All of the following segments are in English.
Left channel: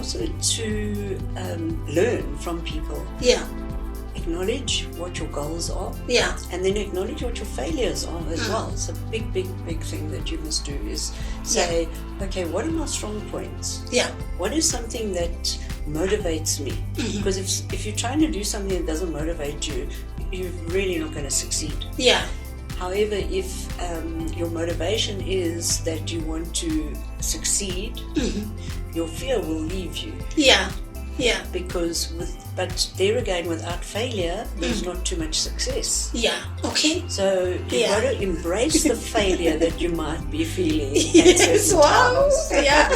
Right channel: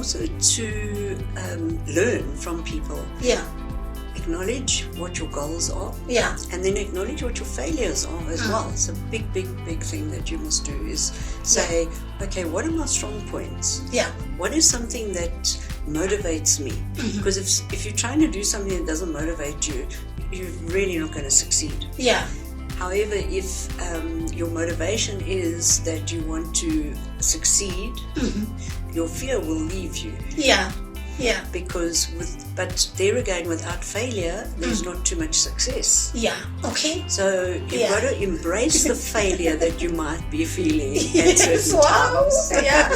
also to learn from people. Yeah. Acknowledge what your goals are. Yeah. And then acknowledge what your failures are as well. It's a big thing that you must do is say, okay, what are my strong points? Yeah. What is something that motivates me? Because if you're trying to do something that doesn't motivate you, you're really not going to succeed. Yeah. However, if your motivation is that you want to succeed, your fear will leave you. Yeah. Yeah. But there again, without failure, there's not too much success. Yeah. Okay. So you've got to embrace the failure that you might be feeling at Yes. certain Wow. times. Yeah.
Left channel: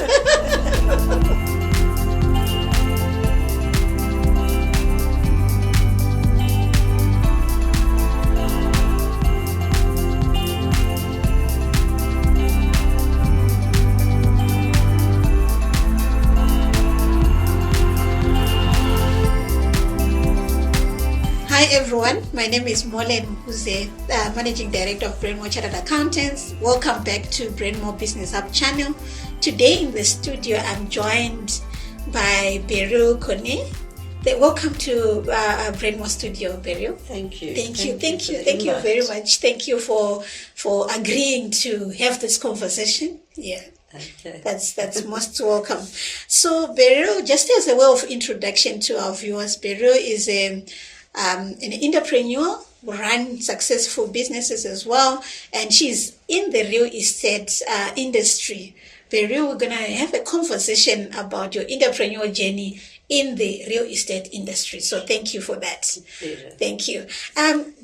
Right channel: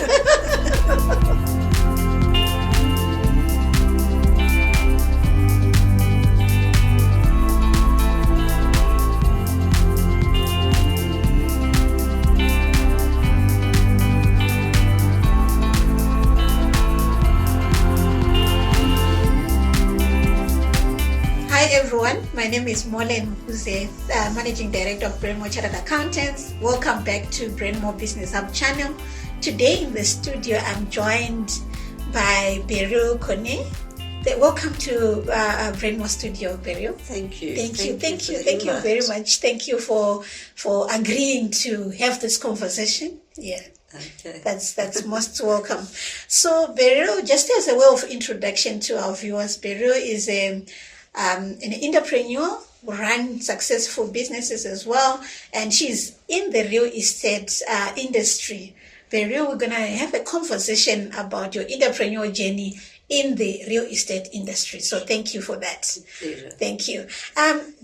Hi everyone, my name is 𝐬𝐮𝐬𝐜𝐫𝐢𝐻𝐿𝐵𝐻𝐻, Managing Director of Brendmo Chartered Accountants. Welcome back to Brendmo Business Hub channel. Today in the studio I'm joined by Beryl Bayly. Welcome to Brendmo Studio, Beryl. Thank you. Thank you invite. very much. Thank you for agreeing to have this conversation. Yeah. Okay. That's most welcome. So Beryl, just as a way of introduction to our viewers, Beryl is an entrepreneur who runs successful businesses as well, and she's in the real estate industry. Beryl, we're gonna have a conversation about your entrepreneurial journey in the real estate industry. So thank you for that. Pleasure. Thank you.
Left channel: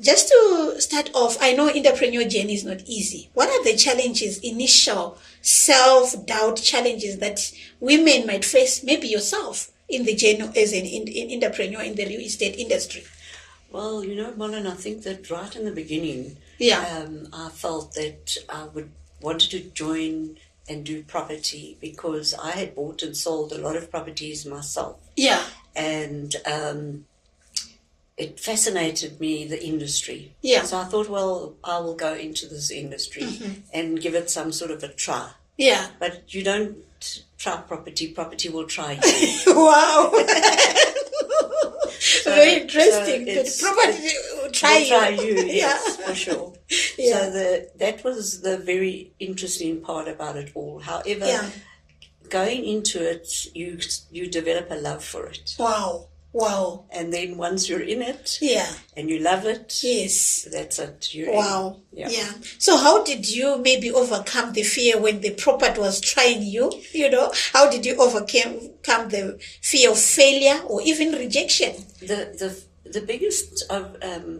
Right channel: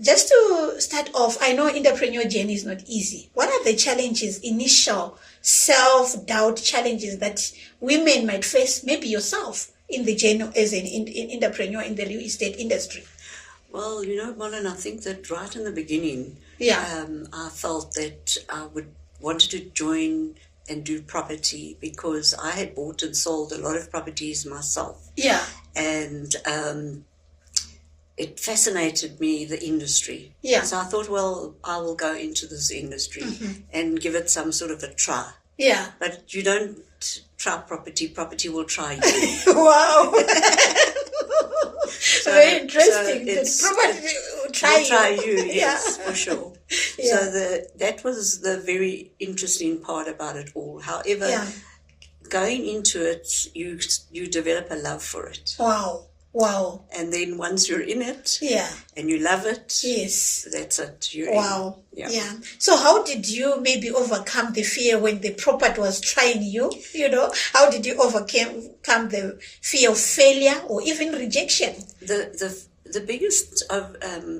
Just to start off, I know entrepreneurial journey is not easy. What are the challenges, initial self-doubt challenges that women might face, maybe yourself, in the journey as an entrepreneur in the real estate industry? Well, Marlon, I think that right in the beginning, I felt that I wanted to join and do property because I had bought and sold a lot of properties myself. Yeah. And it fascinated me, the industry. Yeah. So I thought, well, I will go into this industry and give it some sort of a try. Yeah. But you don't try property will try you. Wow. Very interesting. So Property will try you. Yes, for sure. Yeah. So that was the very interesting part about it all. However, going into it, you develop a love for it. Wow. And then once you're in it, Yeah. and you love it, Yes. that's it. Wow. Yeah. Yeah. So how did you maybe overcome the fear when the property was trying you? How did you overcome the fear of failure or even rejection? The biggest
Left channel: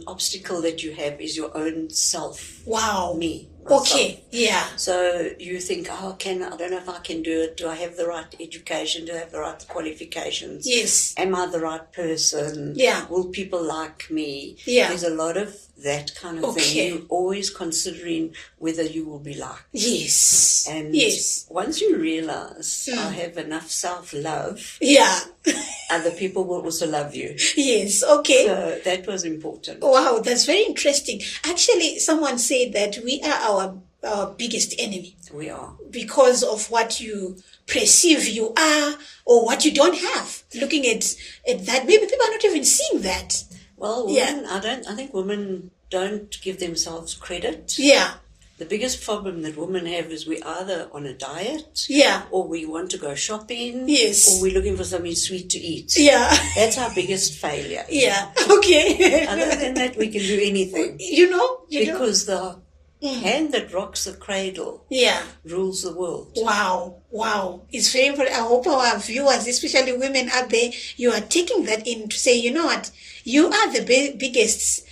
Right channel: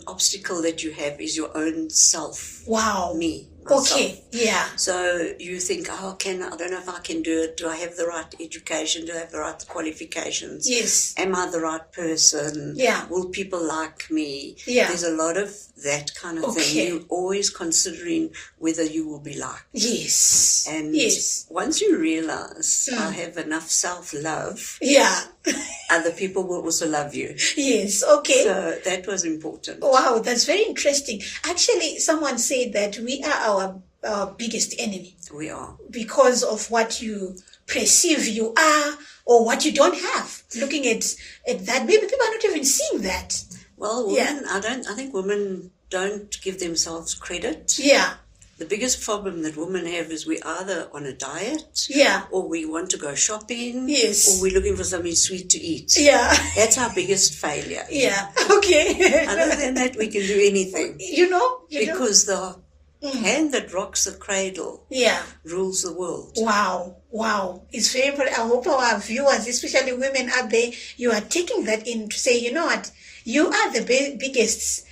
obstacle that you have is your own self. Wow. Me. Okay. Yeah. So you think, I don't know if I can do it. Do I have the right education? Do I have the right qualifications? Yes. Am I the right person? Yeah. Will people like me? Yeah. There's a lot of that kind of thing. You're always considering whether you will be liked. Yes. And once you realize I have enough self-love, other people will also love you. Yes. Okay. So that was important. Wow, that's very interesting. Actually, someone said that we are our biggest enemy. We are. Because of what you perceive you are or what you don't have. Looking at that, maybe people are not even seeing that. Well, women, I think women don't give themselves credit. Yeah. The biggest problem that women have is we're either on a diet, or we want to go shopping, or we're looking for something sweet to eat. Yeah. That's our biggest failure. Yeah. Okay. Other than that, we can do anything. Because the hand that rocks the cradle rules the world. Wow. It's very important. I hope our viewers, especially women out there, you are taking that in to say, you know what, you are the biggest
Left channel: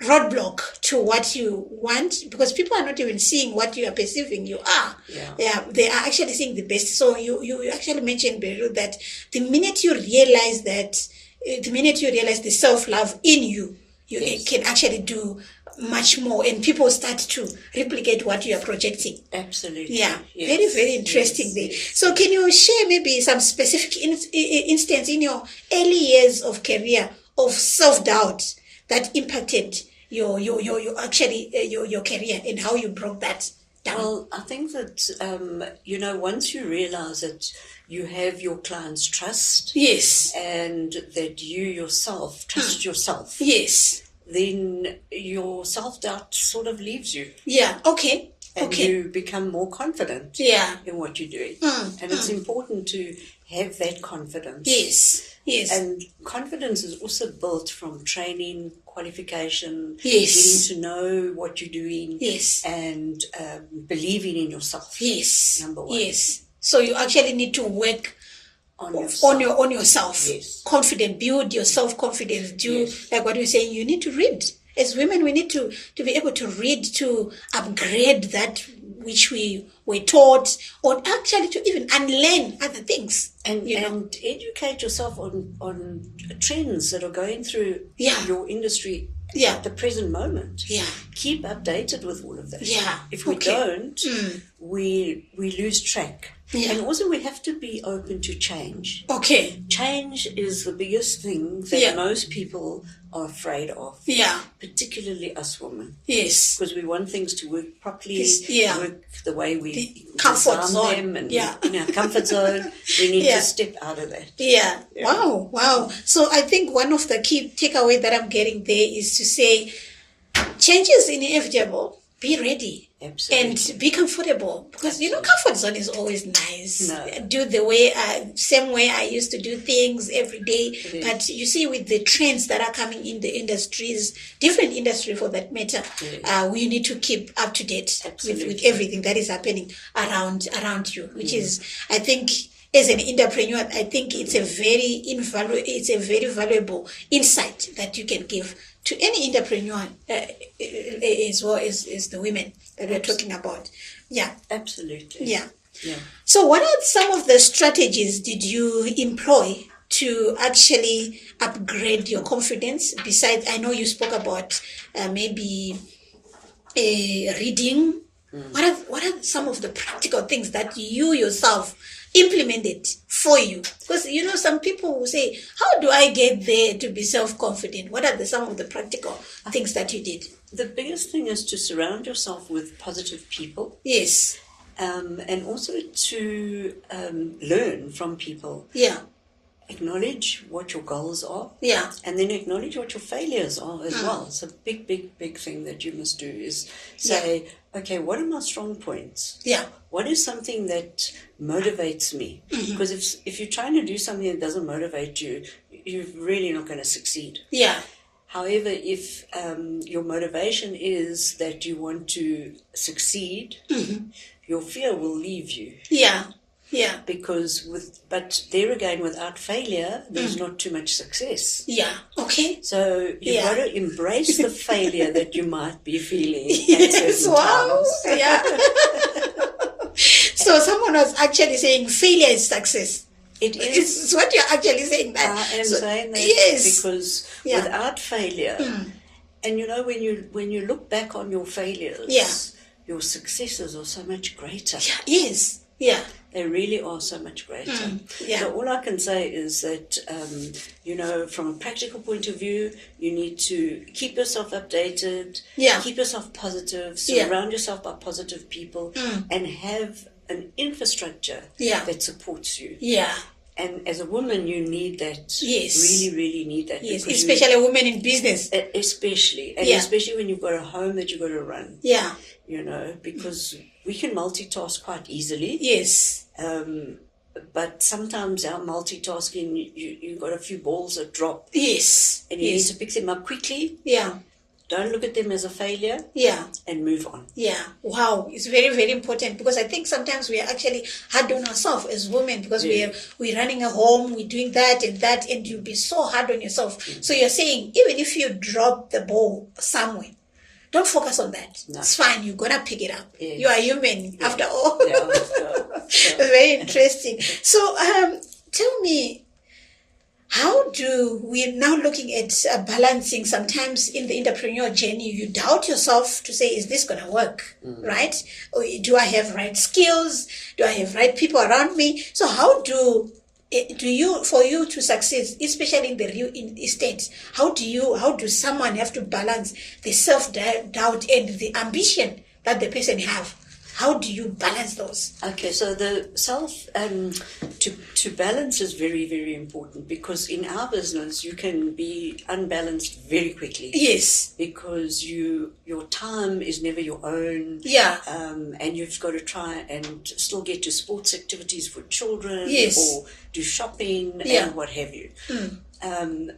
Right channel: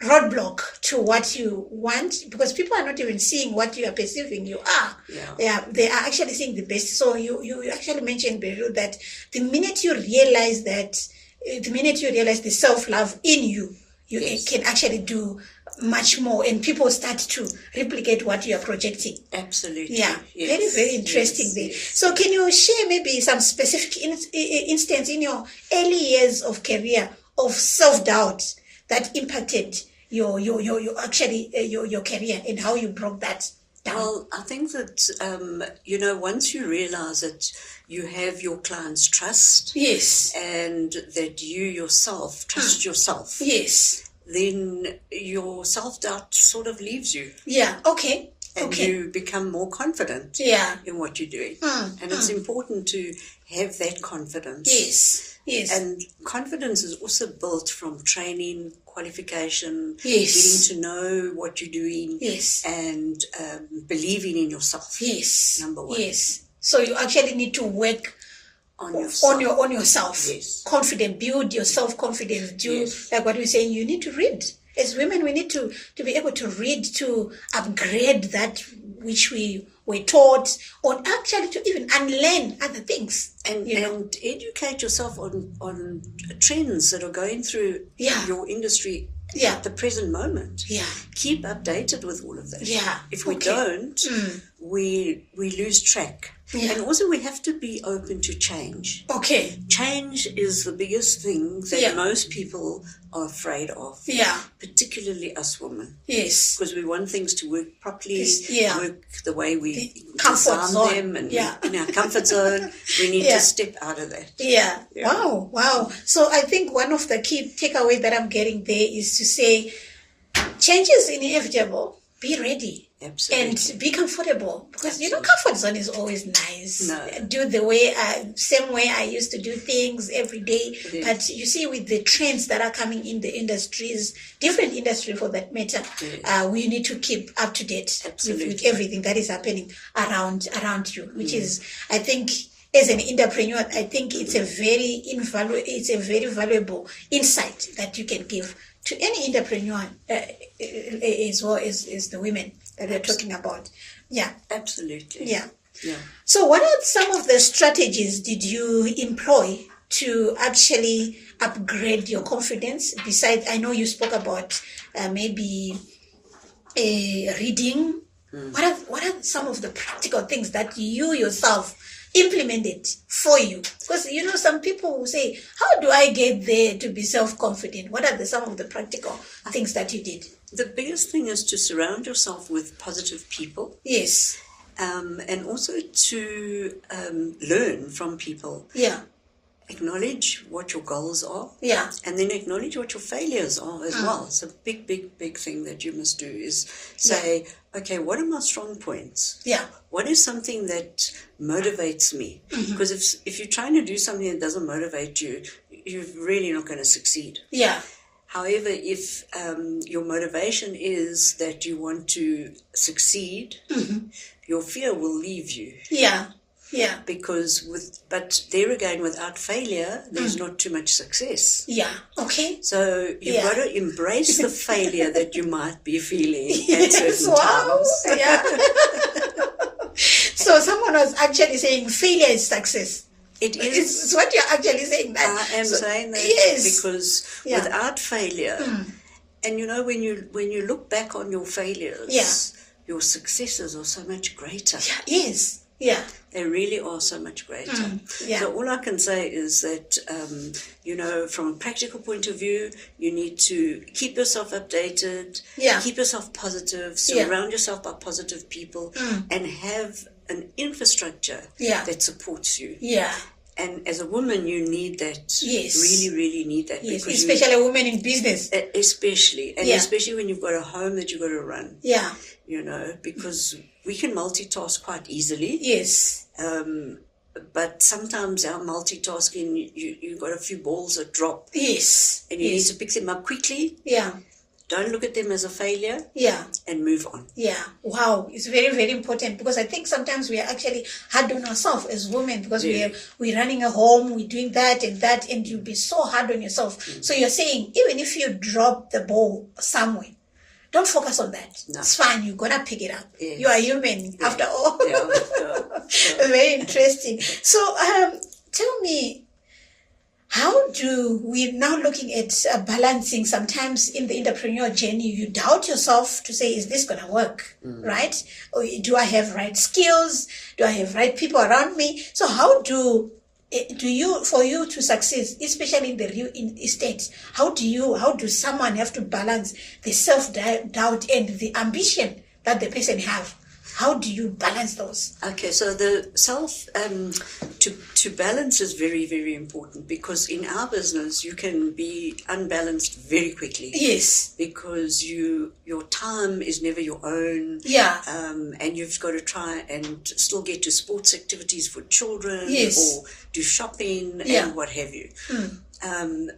roadblock to what you want, because people are not even seeing what you are perceiving you are. Yeah, they are actually seeing the best. So you actually mentioned, Beryl, that the minute you realize the self-love in you, you can actually do much more, and people start to replicate what you are projecting. Absolutely. Yeah. Yes. Very interesting there. So can you share maybe some specific instance in your early years of career of self-doubt that impacted your career, and how you broke that? down? Well, I think that, once you realize that you have your client's trust, Yes. and that you yourself trust yourself, Yes. then your self-doubt sort of leaves you. Yeah, okay. And you become more confident in what you're doing. And it's important to have that confidence. Yes, yes. And confidence is also built from training, qualification, Yes. getting to know what you're doing, Yes. and believing in yourself. Yes. Number one. Yes. So you actually need to work On yourself. on yourself. Yes. Confident, build your self-confidence. Yes. Like what we're saying, you need to read. As women, we need to be able to read, to upgrade that which we were taught, or actually to even unlearn other things. And educate yourself on trends that are going through your industry at the present moment. Yeah. Keep updated with all of that. Yeah. If we don't, we lose track. Yeah. And also we have to be open to change. Okay. Change is the biggest thing that most people are afraid of. Yeah. Particularly us women. Yes. Because we want things to work properly, work the way we comfort zone. them, and in our comfort zone. We need to step out of that. Yeah. Wow. So I think one of the key takeaways that I'm getting there is to say, change is inevitable. Be ready. Absolutely. And be comfortable, because comfort zone is always nice. No. Do the way same way I used to do things every day. Yes. But you see, with the trends that are coming in the industries, different industry for that matter, we need to keep up to date with everything that is happening around you, which is, I think, as an entrepreneur, I think it's a very valuable insight that you can give to any entrepreneur, as well as the women that we're talking about. Yeah. Absolutely. Yeah. Yeah. So what are some of the strategies did you employ to actually upgrade your confidence? Besides, I know you spoke about maybe reading. What are some of the practical things that you yourself implemented for you? Because some people will say, how do I get there to be self-confident? What are some of the practical things that you did? The biggest thing is to surround yourself with positive people. Yes. And also to learn from people. Yeah. Acknowledge what your goals are. Yeah. And then acknowledge what your failures are as well. It's a big thing that you must do is say, okay, what are my strong points? Yeah. What is something that motivates me? Because if you're trying to do something that doesn't motivate you, you're really not going to succeed. Yeah. However, if your motivation is that you want to succeed, your fear will leave you. Yeah. Yeah. But there again, without failure, there's not too much success. Yeah. Okay. So you've got to embrace the failure that you might be feeling at Yes, certain times. Yeah. So someone was actually saying failure is success. It is. It's what you're actually saying. That. I am saying that yes. because without failure, and when you look back on your failures, your successes are so much greater. Yes. Yeah. They really are so much greater. So all I can say is that, from a practical point of view, you need to keep yourself updated, keep yourself positive, surround yourself by positive people, and have an infrastructure that supports you. Yeah. And as a woman, you need that. Yes. Really, really need that. Yes, especially a woman in business. Especially. And especially when you've got a home that you've got to run. Yeah. Because we can multitask quite easily. Yes. But sometimes our multitasking, you've got a few balls that drop. Yes. And you need to pick them up quickly. Yeah. Don't look at them as a failure. Yeah. And move on. Yeah. Wow. It's very, very important, because I think sometimes we are actually hard on ourselves as women, because we're running a home, we're doing that, and you'll be so hard on yourself. So you're saying, even if you drop the ball somewhere, don't focus on that. No. It's fine. You're going to pick it up. Yes. You are human after all. Very interesting. So tell me, how do we now looking at balancing? Sometimes in the entrepreneurial journey, you doubt yourself to say, is this going to work? Right? Or do I have right skills? Do I have right people around me? So how for you to succeed, especially in the real estate, how do someone have to balance the self-doubt and the ambition that the person have? How do you balance those? Okay, so the to balance is very, very important, because in our business you can be unbalanced very quickly. Yes. Because your time is never your own. Yeah. And you've got to try and still get to sports activities for children. Yes. Or do shopping Yeah. and what have you.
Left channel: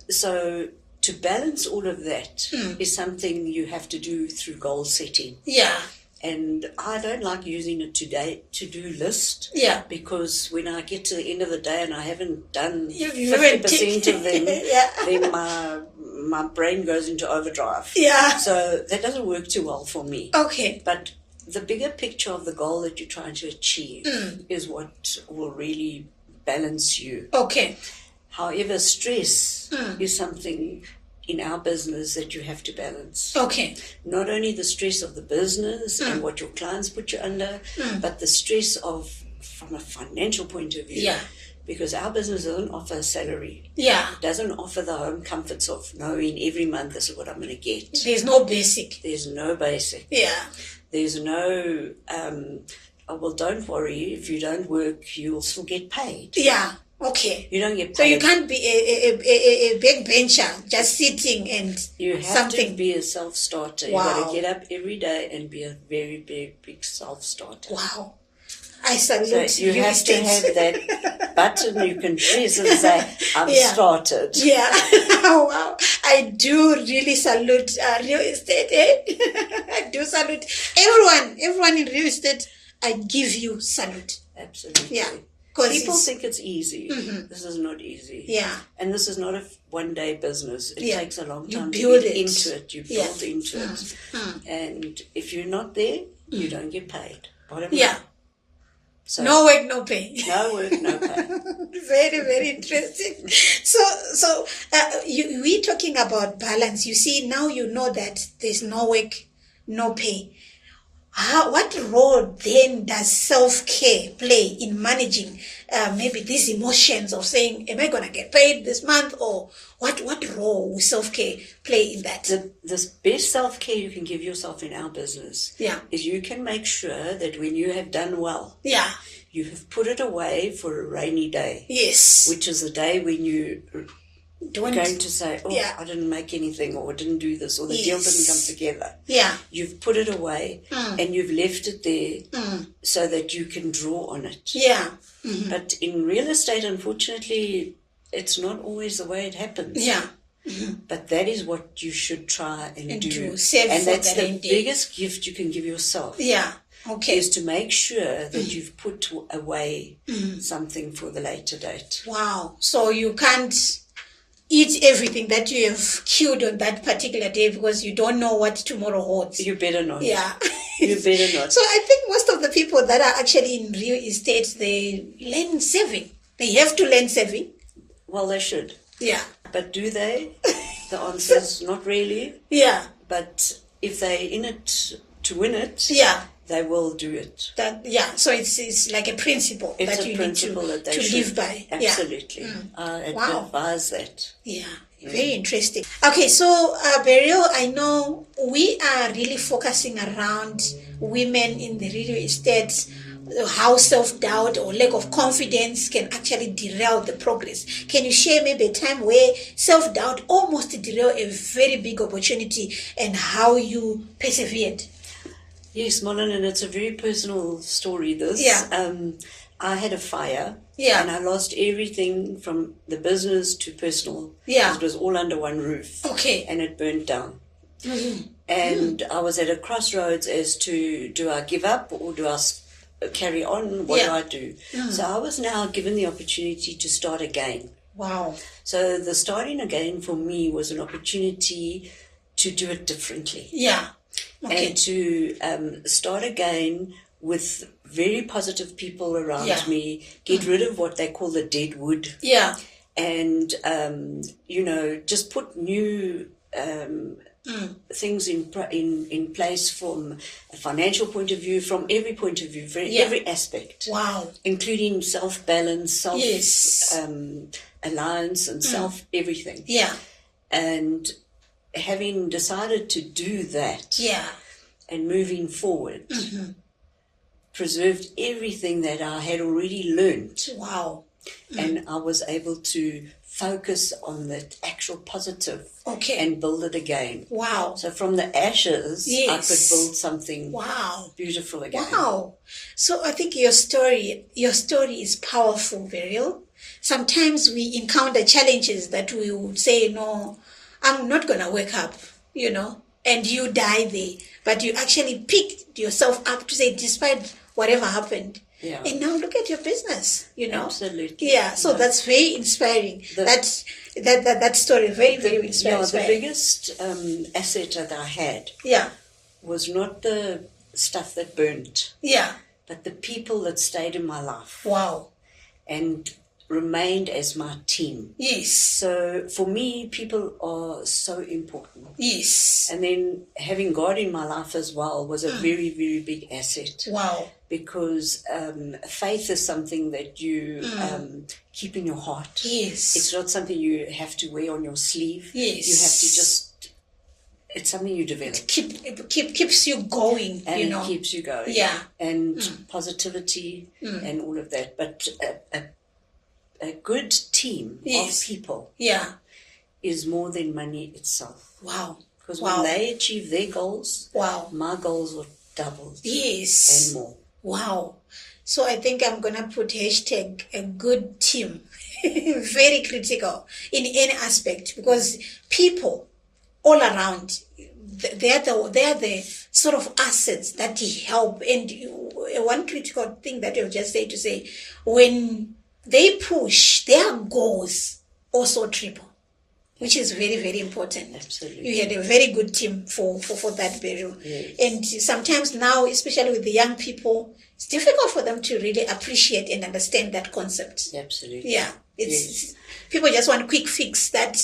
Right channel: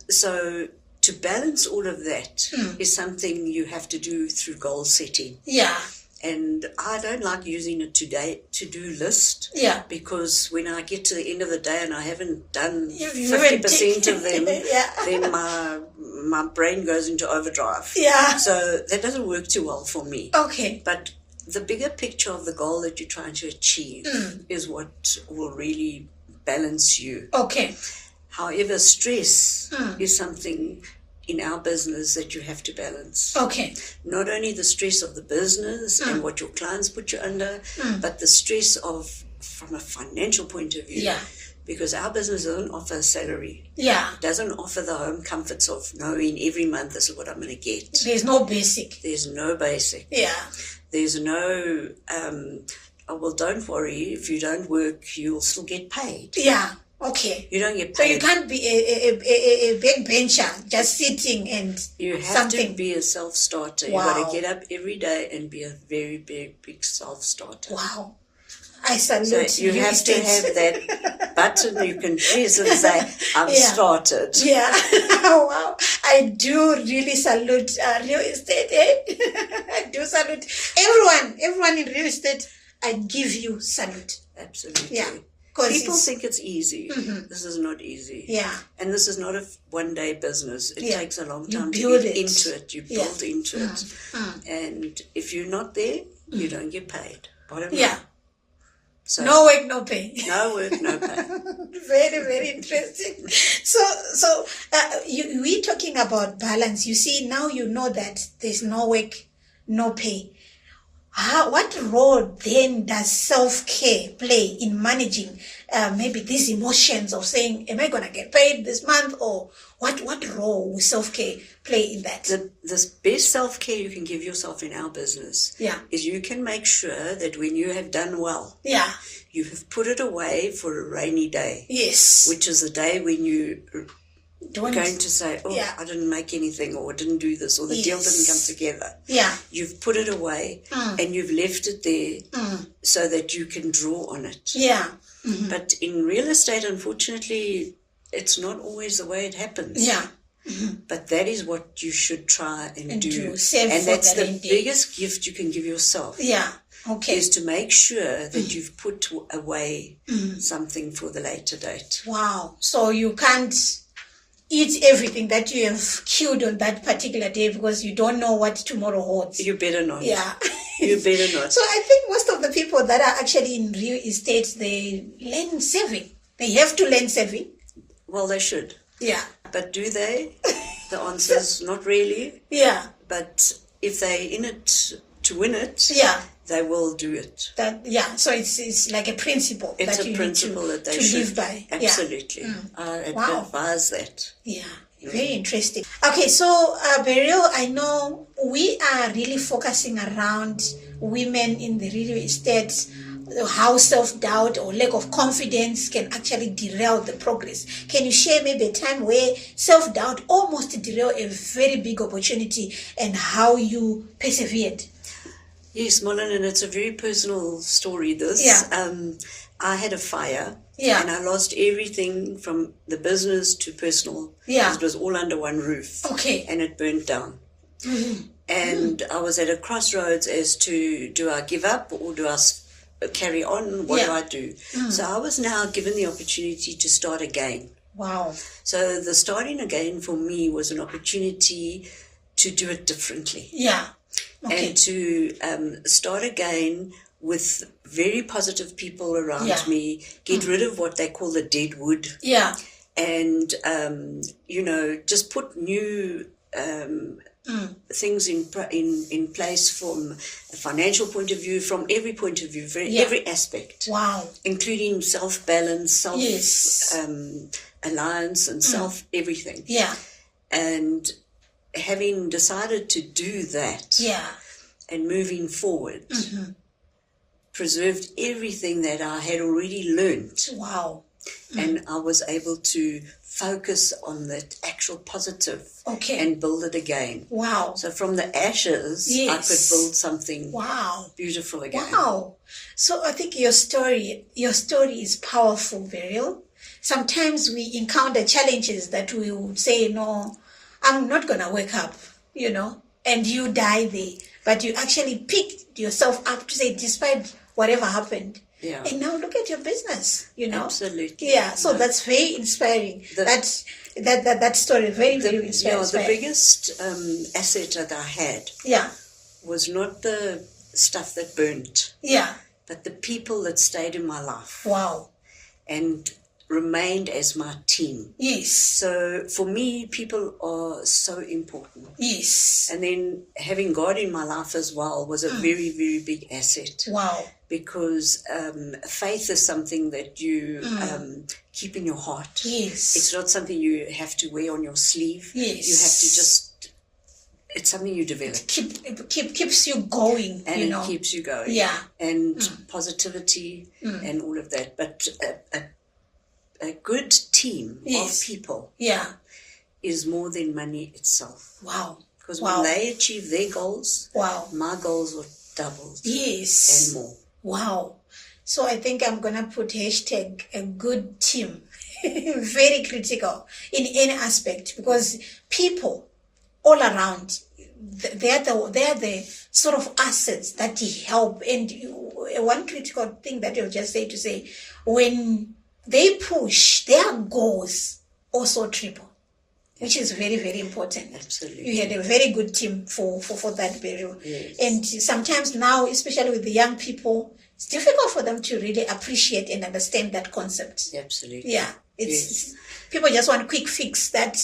So to balance all of that is something you have to do through goal setting. Yeah. And I don't like using a to-do list. Yeah. Because when I get to the end of the day and I haven't done You 50% of them, Yeah. then my brain goes into overdrive. Yeah. So that doesn't work too well for me. Okay. But the bigger picture of the goal that you're trying to achieve is what will really balance you. Okay. However, stress is something in our business that you have to balance. Okay. Not only the stress of the business and what your clients put you under, but the stress from a financial point of view. Yeah. Because our business doesn't offer a salary. Yeah. It doesn't offer the home comforts of knowing every month this is what I'm going to get. There's no basic. There's no basic. Yeah. There's no, oh, well, don't worry, if you don't work, you'll still get paid. Yeah. Okay. You don't get paid. So you can't be a backbencher just sitting and You have something. to be a self-starter. Wow. You've got to get up every day and be a very, very big self-starter. Wow. I salute So you have to have that button you can press and say, I'm Yeah. started. Yeah. Wow. I do really salute real estate. I do salute everyone in real estate. I give you salute. Absolutely. Yeah. People think it's easy. This is not easy. Yeah. And this is not a one-day business. It Yeah. takes a long You time to build get it. into it. You Yeah. build into it. And if you're not there, you don't get paid. Bottom Yeah. line. So, No work, no pay. no work, no pay. Very, very interesting. So we're talking about balance. You see, now you know that there's no work, no pay. What role then does self-care play in managing maybe these emotions of saying, am I going to get paid this month? Or what role will self-care play in that? The best self-care you can give yourself in our business is you can make sure that when you have done well, you have put it away for a rainy day. Yes. Which is the day when you Don't going to say, I didn't make anything, or didn't do this, or the deal didn't come together. Yeah. You've put it away and you've left it there so that you can draw on it. Yeah. But in real estate, unfortunately, it's not always the way it happens. Yeah. But that is what you should try and do. Save and for that's the the rainy day. biggest gift you can give yourself. Yeah. Okay. Is to make sure that you've put away something for the later date. Wow. So you can't eat everything that you have killed on that particular day because you don't know what tomorrow holds. You better not. Yeah. You better not. So I think most of the people that are actually in real estate, they learn saving. They have to learn saving. Well, they should. Yeah. But do they? The answer is not really. Yeah. But if they're in it to win it, they will do it. So it's like a principle it's that a you principle need that they to should live by. Absolutely. I advise that. Yeah. Very interesting. Okay, so Beryl, I know we are really focusing around women in the real estate, how self-doubt or lack of confidence can actually derail the progress. Can you share maybe a time where self-doubt almost derailed a very big opportunity and how you persevered? Yes, Molin, and it's a very personal story, this. Yeah. I had a fire. Yeah. And I lost everything from the business to personal. Yeah. It was all under one roof. Okay. And it burnt down. And I was at a crossroads as to, do I give up or do I carry on? What do I do? So I was now given the opportunity to start again. Wow. So the starting again for me was an opportunity to do it differently. Yeah. Okay. And to start again with very positive people around me, get rid of what they call the dead wood. Yeah. And, just put new things in place from a financial point of view, from every point of view, every aspect. Wow. Including self-balance, self-alliance and self-everything. Yeah. And having decided to do that and moving forward, preserved everything that I had already learned. Wow. And I was able to focus on that actual positive Okay. and build it again. Wow. So from the ashes, Yes. I could build something Wow. beautiful again. Wow. So I think your story is powerful, Beryl. Sometimes we encounter challenges that we would say, no, I'm not going to wake up, and you die there. But you actually picked yourself up to say, despite whatever happened. Yeah. And now look at your business, Absolutely. Yeah, so that's very inspiring. That story, very, very inspiring. Yeah, the biggest asset that I had was not the stuff that burnt, but the people that stayed in my life. Wow. And remained as my team. Yes. So for me, people are so important. Yes. And then having God in my life as well was a very, very big asset. Wow. Because faith is something that you keep in your heart. Yes. It's not something you have to wear on your sleeve. Yes. You have to just, it's something you develop. Keeps you going, and it keeps you going. Yeah. And positivity and all of that. But a good team of people is more than money itself. Wow. Because when they achieve their goals, my goals were doubled. Yes. And more. Wow. So I think I'm going to put hashtag a good team. Very critical in any aspect, because people all around, they're the sort of assets that help. And one critical thing that you'll just say, when they push, their goals also triple, which is very, very important. Absolutely. You had a very good team for that, Beryl. Yes. And sometimes now, especially with the young people, it's difficult for them to really appreciate and understand that concept. Absolutely. Yeah. It's people just want a quick fix that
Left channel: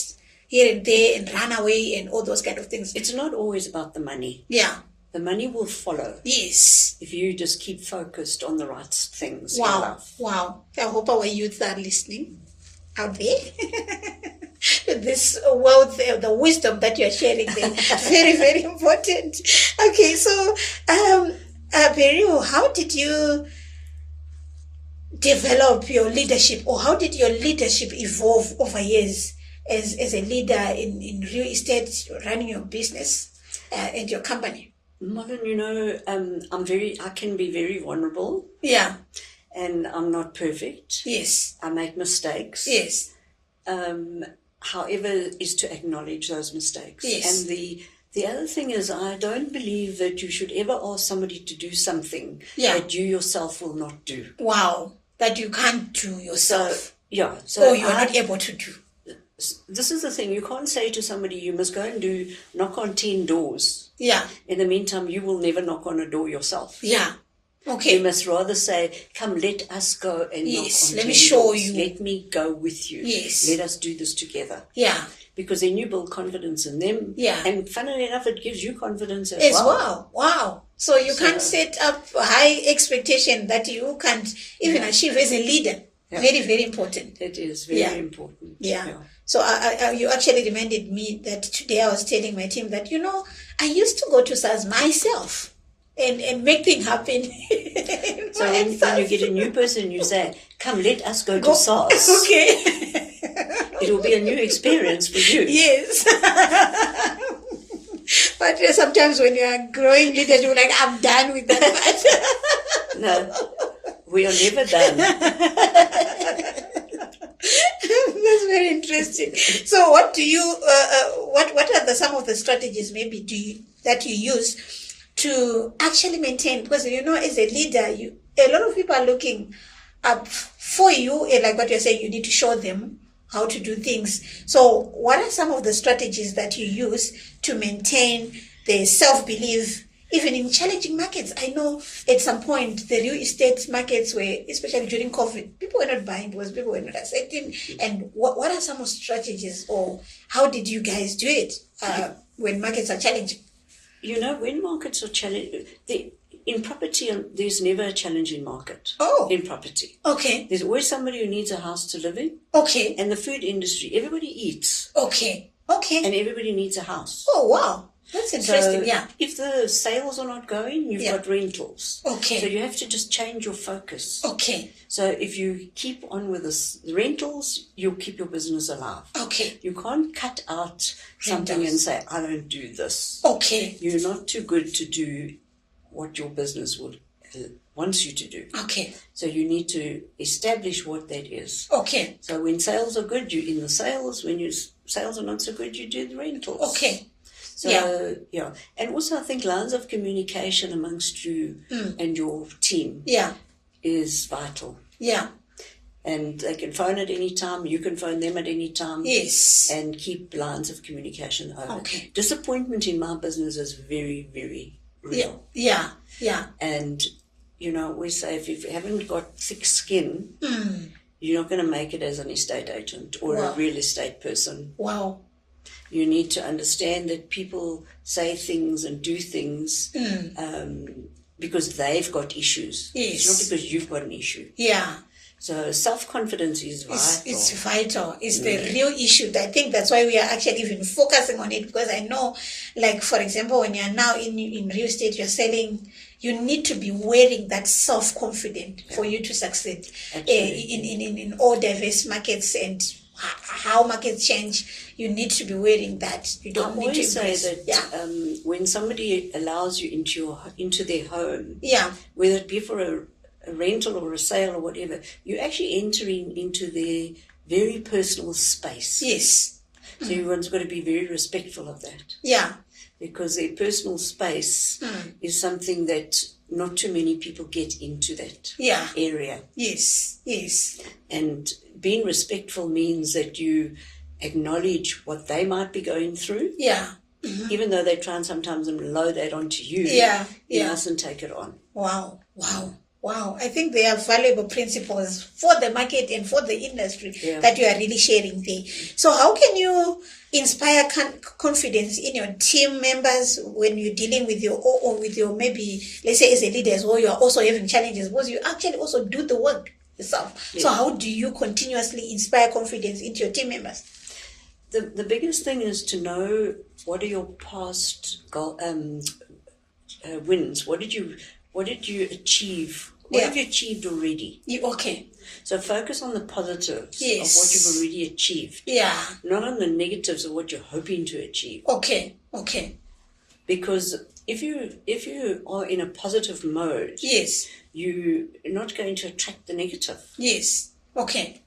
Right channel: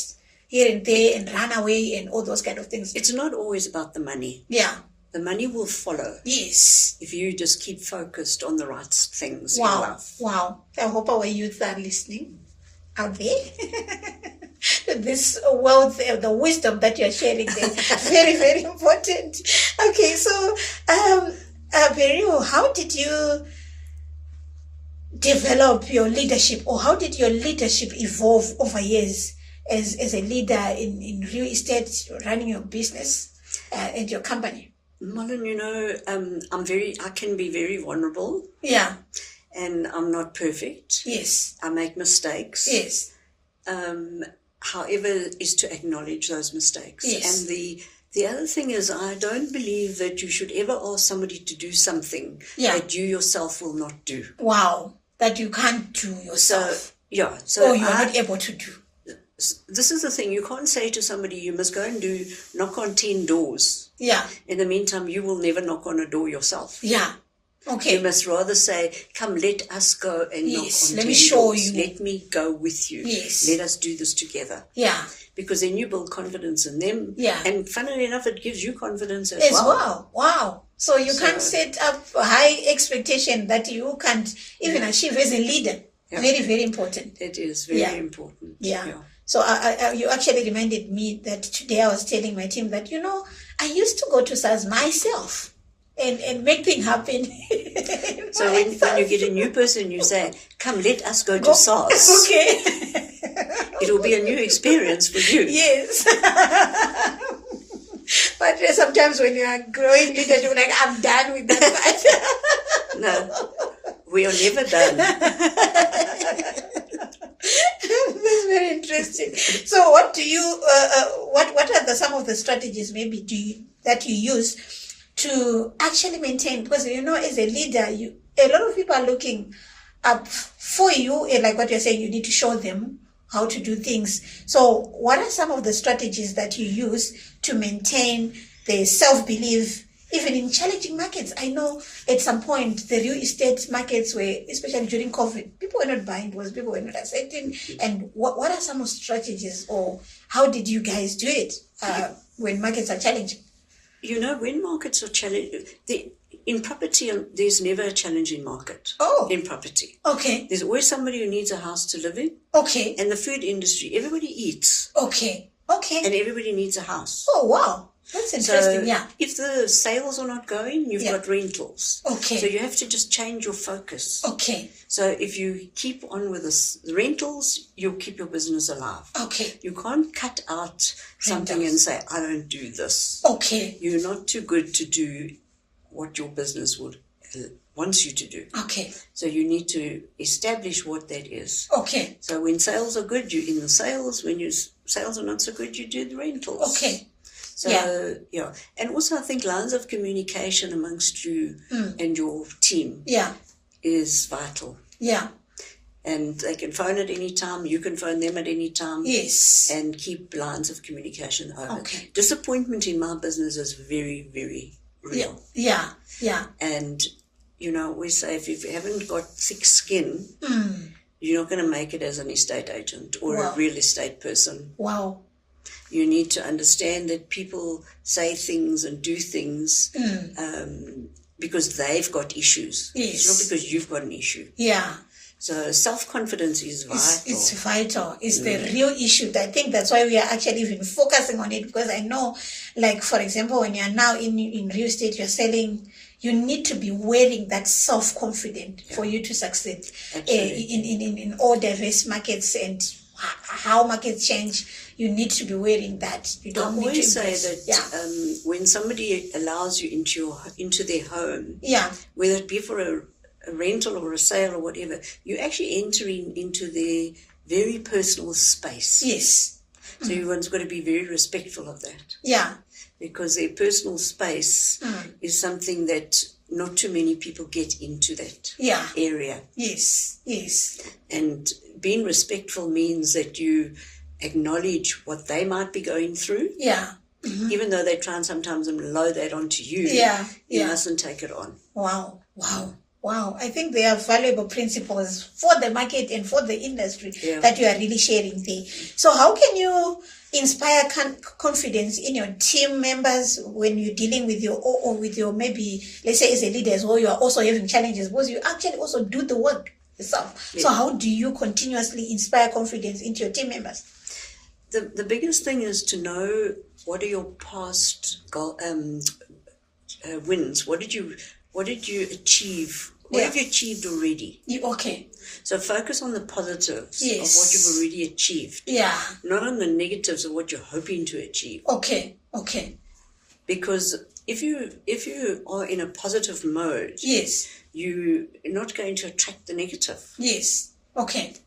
here and there and run away and all those kind of things. It's not always about the money. Yeah. The money will follow. Yes. If you just keep focused on the right things in Wow. life. Wow. I hope our youth are listening out there. This wealth, the wisdom that you're sharing there, very, very important. Okay, so, Beryl, how did you develop your leadership, or how did your leadership evolve over years as a leader in real estate, running your business and your company? Marlon, I can be very vulnerable. Yeah. And I'm not perfect. Yes. I make mistakes. Yes. However, is to acknowledge those mistakes. Yes. And the other thing is, I don't believe that you should ever ask somebody to do something that you yourself will not do. Wow. That you can't do yourself. So or you're not able to do. This is the thing. You can't say to somebody, you must go and knock on 10 doors. Yeah. In the meantime, you will never knock on a door yourself. Yeah. Okay. You must rather say, come, let us go and knock on 10 let me show doors. you. Let me go with you. Yes. Let us do this together. Yeah. Because then you build confidence in them. Yeah. And funnily enough, it gives you confidence as well. Wow. So you can't set up a high expectation that you can't even achieve as a leader. Yeah. Very, very important. It is very important. Yeah. So you actually reminded me that today I was telling my team that, I used to go to SARS myself and make things happen. So when you get a new person, you say, come, let us go to SARS. Okay. It will be a new experience for you. Yes. But sometimes when you are growing leaders, you're like, I'm done with that part. No, we are never done. That's very interesting. So what do you, what are some of the strategies maybe that you use to actually maintain? Because, as a leader, a lot of people are looking up for you, and like what you're saying, you need to show them how to do things. So what are some of the strategies that you use to maintain the self-belief, even in challenging markets? I know at some point the real estate markets were, especially during COVID, people were not buying because people were not accepting. And what are some of the strategies, or how did you guys do it when markets are challenging? When markets are challenging, in property, there's never a challenging market. Oh. In property. Okay. There's always somebody who needs a house to live in. Okay. And the food industry, everybody eats. Okay. Okay. And everybody needs a house. Oh, wow. That's interesting, So yeah. if the sales are not going, you've Yeah. got rentals. Okay. So you have to just change your focus. Okay. So if you keep on with the rentals, you'll keep your business alive. Okay. You can't cut out something and say, I don't do this. Okay. You're not too good to do what your business wants you to do. Okay. So you need to establish what that is. Okay. So when sales are good, you're in the sales. When your sales are not so good, you do the rentals. Okay. So, yeah. And also I think lines of communication amongst you and your team is vital. Yeah. And they can phone at any time. You can phone them at any time. Yes. And keep lines of communication open. Okay. Disappointment in my business is very, very real. Yeah. Yeah. And, we say if you haven't got thick skin, you're not going to make it as an estate agent or a real estate person. Wow. You need to understand that people say things and do things because they've got issues. Yes. It's not because you've got an issue. Yeah. So self-confidence is vital. It's vital. It's the real issue. I think that's why we are actually even focusing on it, because I know, like, for example, when you're now in real estate, you're selling, you need to be wearing that self-confidence for you to succeed in all diverse markets and how markets change. You need to be wearing that. You don't need to always say impress. that when somebody allows you into their home, whether it be for a rental or a sale or whatever, you're actually entering into their very personal space. Yes. So everyone's got to be very respectful of that. Yeah. Because their personal space is something that not too many people get into that area. Yes. Yes. And being respectful means that you acknowledge what they might be going through. Yeah. Mm-hmm. Even though they try and sometimes load that onto you. You mustn't take it on. Wow. I think they are valuable principles for the market and for the industry that you are really sharing there. So how can you inspire confidence in your team members when you're dealing with your maybe, let's say as a leader as well, you are also having challenges, because you actually also do the work yourself. So how do you continuously inspire confidence into your team members? The biggest thing is to know what are your past wins. What did you achieve? What have you achieved already? Okay. So focus on the positives of what you've already achieved. Yeah. Not on the negatives of what you're hoping to achieve. Okay. Because if you are in a positive mode, you're not going to attract the negative. Yes. Okay.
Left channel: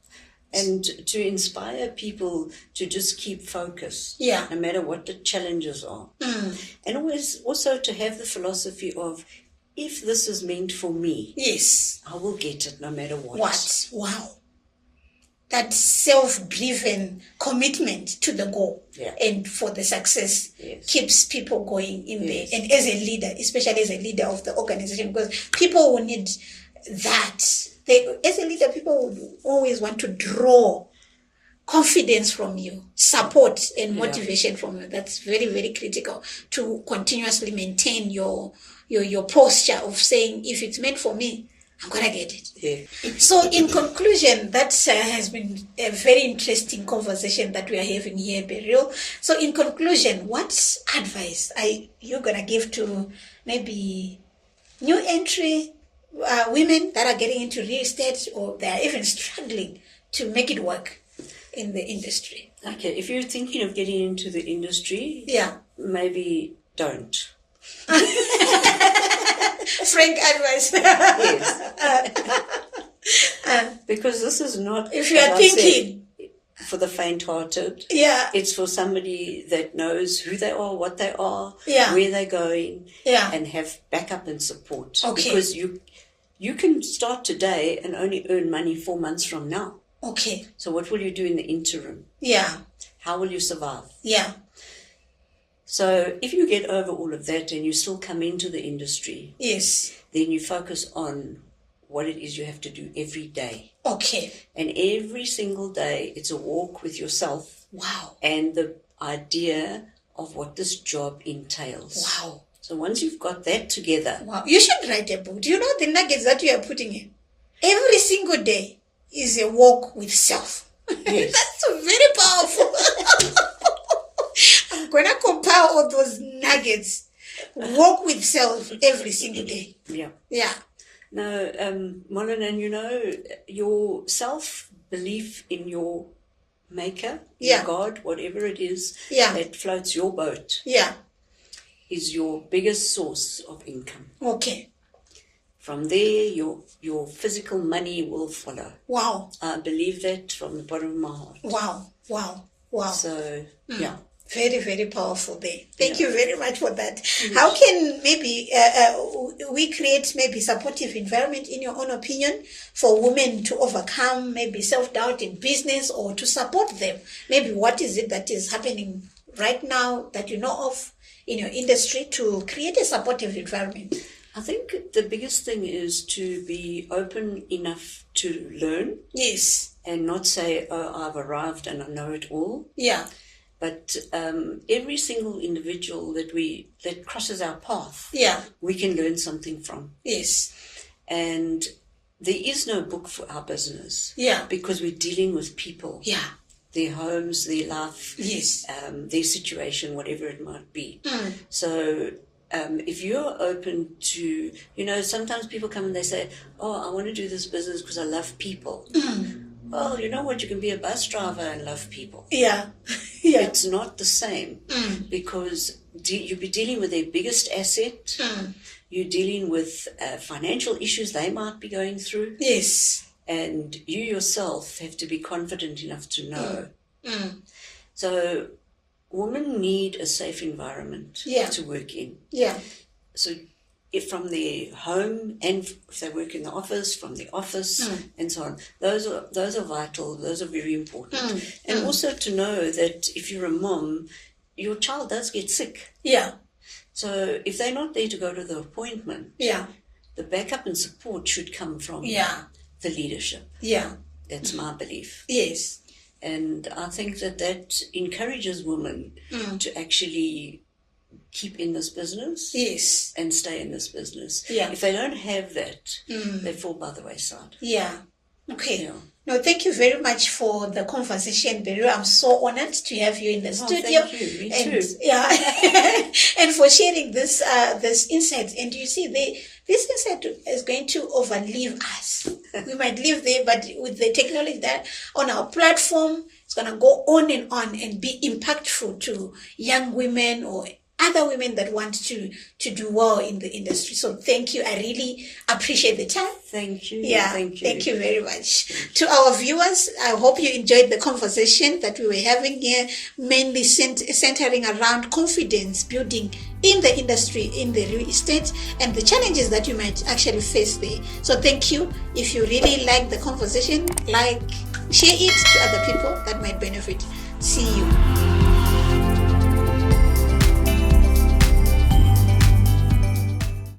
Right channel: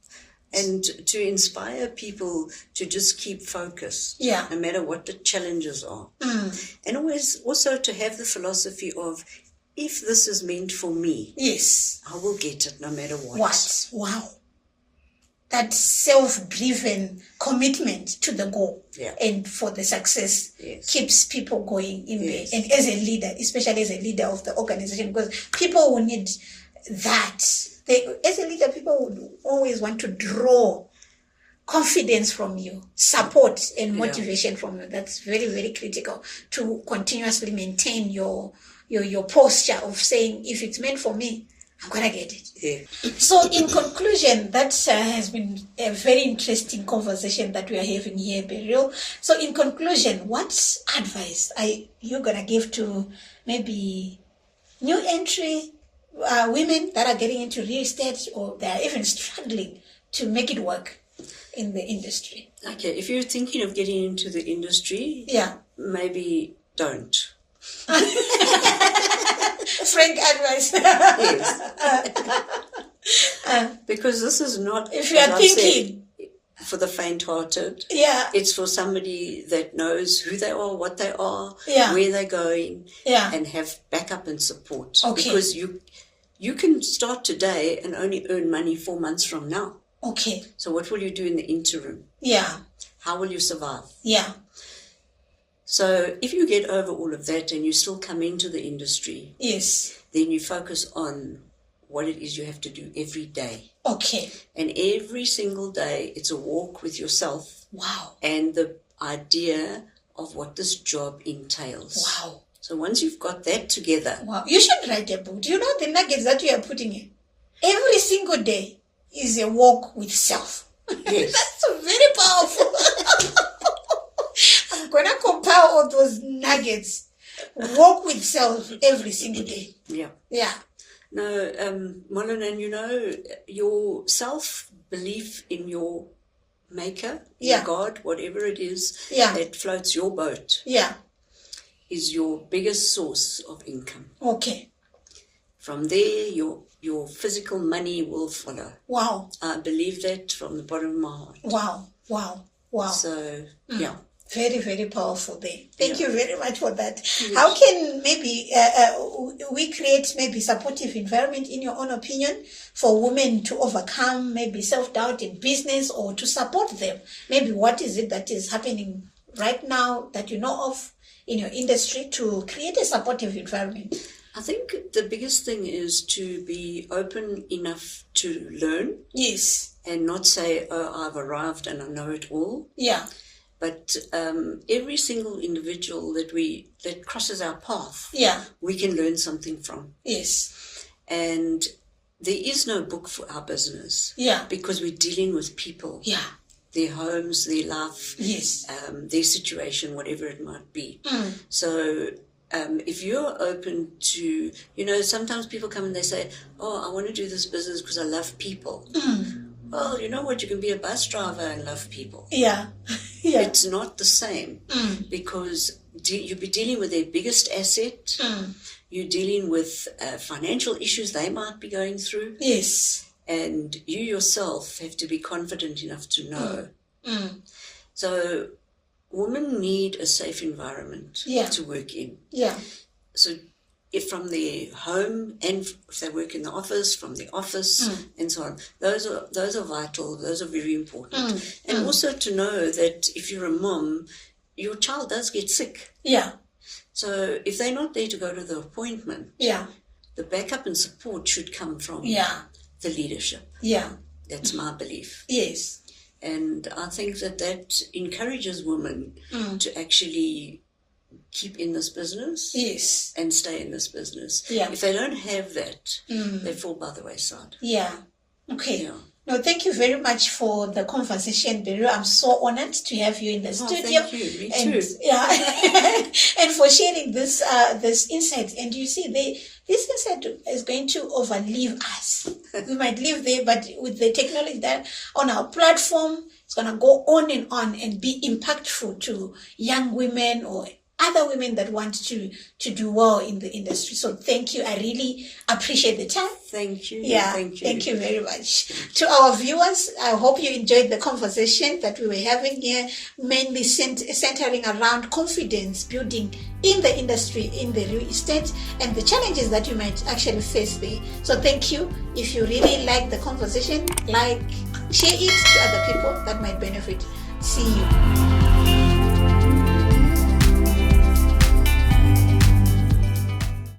And to inspire people to just keep focused, no matter what the challenges are. And always also to have the philosophy of, if this is meant for me, I will get it no matter what. Wow. That self-driven commitment to the goal and for the success keeps people going in there. And as a leader, especially as a leader of the organization, because people will need that. As a leader, people would always want to draw confidence from you, support and motivation from you. That's very, very critical to continuously maintain your posture of saying, if it's meant for me, I'm going to get it. So in conclusion, that has been a very interesting conversation that we are having here, Beryl. So in conclusion, what advice are you going to give to maybe new entry women that are getting into real estate, or they are even struggling to make it work in the industry? Okay, if you're thinking of getting into the industry, maybe don't. Frank advice. Because this is not, if you are thinking, for the faint-hearted. It's for somebody that knows who they are, what they are, where they're going, and have backup and support. Because you can start today and only earn money 4 months from now. So what will you do in the interim? How will you survive? So if you get over all of that and you still come into the industry, then you focus on what it is you have to do every day. And every single day, it's a walk with yourself. And the idea of what this job entails. So once you've got that together. You should write a book. Do you know the nuggets that you are putting in? Every single day is a walk with self. That's very powerful. I'm going to compile all those nuggets. Walk with self every single day. Yeah. Yeah. No, Molyn, and your self-belief in your maker, your God, whatever it is that floats your boat, is your biggest source of income. Okay. From there, your physical money will follow. Wow. I believe that from the bottom of my heart. Wow. Wow. Wow. So, yeah. Very, very powerful there. Thank you very much for that. Yes. How can maybe we create maybe supportive environment, in your own opinion, for women to overcome maybe self-doubt in business or to support them? Maybe what is it that is happening right now that you know of in your industry to create a supportive environment? I think the biggest thing is to be open enough to learn. Yes. And not say, oh, I've arrived and I know it all. Yeah. But every single individual that crosses our path, we can learn something from. Yes. And there is no book for our business. Yeah. Because we're dealing with people. Yeah. Their homes, their life. Yes. Their situation, whatever it might be. So if you're open to, sometimes people come and they say, oh, I want to do this business because I love people. Well, you know what? You can be a bus driver and love people. Yeah. Yeah. It's not the same because you'll be dealing with their biggest asset. You're dealing with financial issues they might be going through. Yes. And you yourself have to be confident enough to know. So women need a safe environment to work in. Yeah. So if from their home and if they work in the office, from the office and so on, those are vital, those are very important. And also to know that if you're a mom, your child does get sick. Yeah. So if they're not there to go to the appointment, the backup and support should come from the leadership. Yeah. That's my belief. Yes. And I think that encourages women to actually keep in this business. Yes. And stay in this business. Yeah. If they don't have that, they fall by the wayside. Yeah. Okay. Yeah. No, thank you very much for the conversation, Beryl. I'm so honored to have you in the studio. Thank you. Me too. Yeah. And for sharing this insight. And you see, this insight is going to overlive us. We might live there, but with the technology that on our platform, it's going to go on and be impactful to young women or other women that want to do well in the industry. So thank you. I really appreciate the time. Thank you. Yeah, Thank you very much. To our viewers, I hope you enjoyed the conversation that we were having here, mainly centering around confidence building in the industry, in the real estate, and the challenges that you might actually face there. So thank you. If you really like the conversation, share it to other people that might benefit. See you.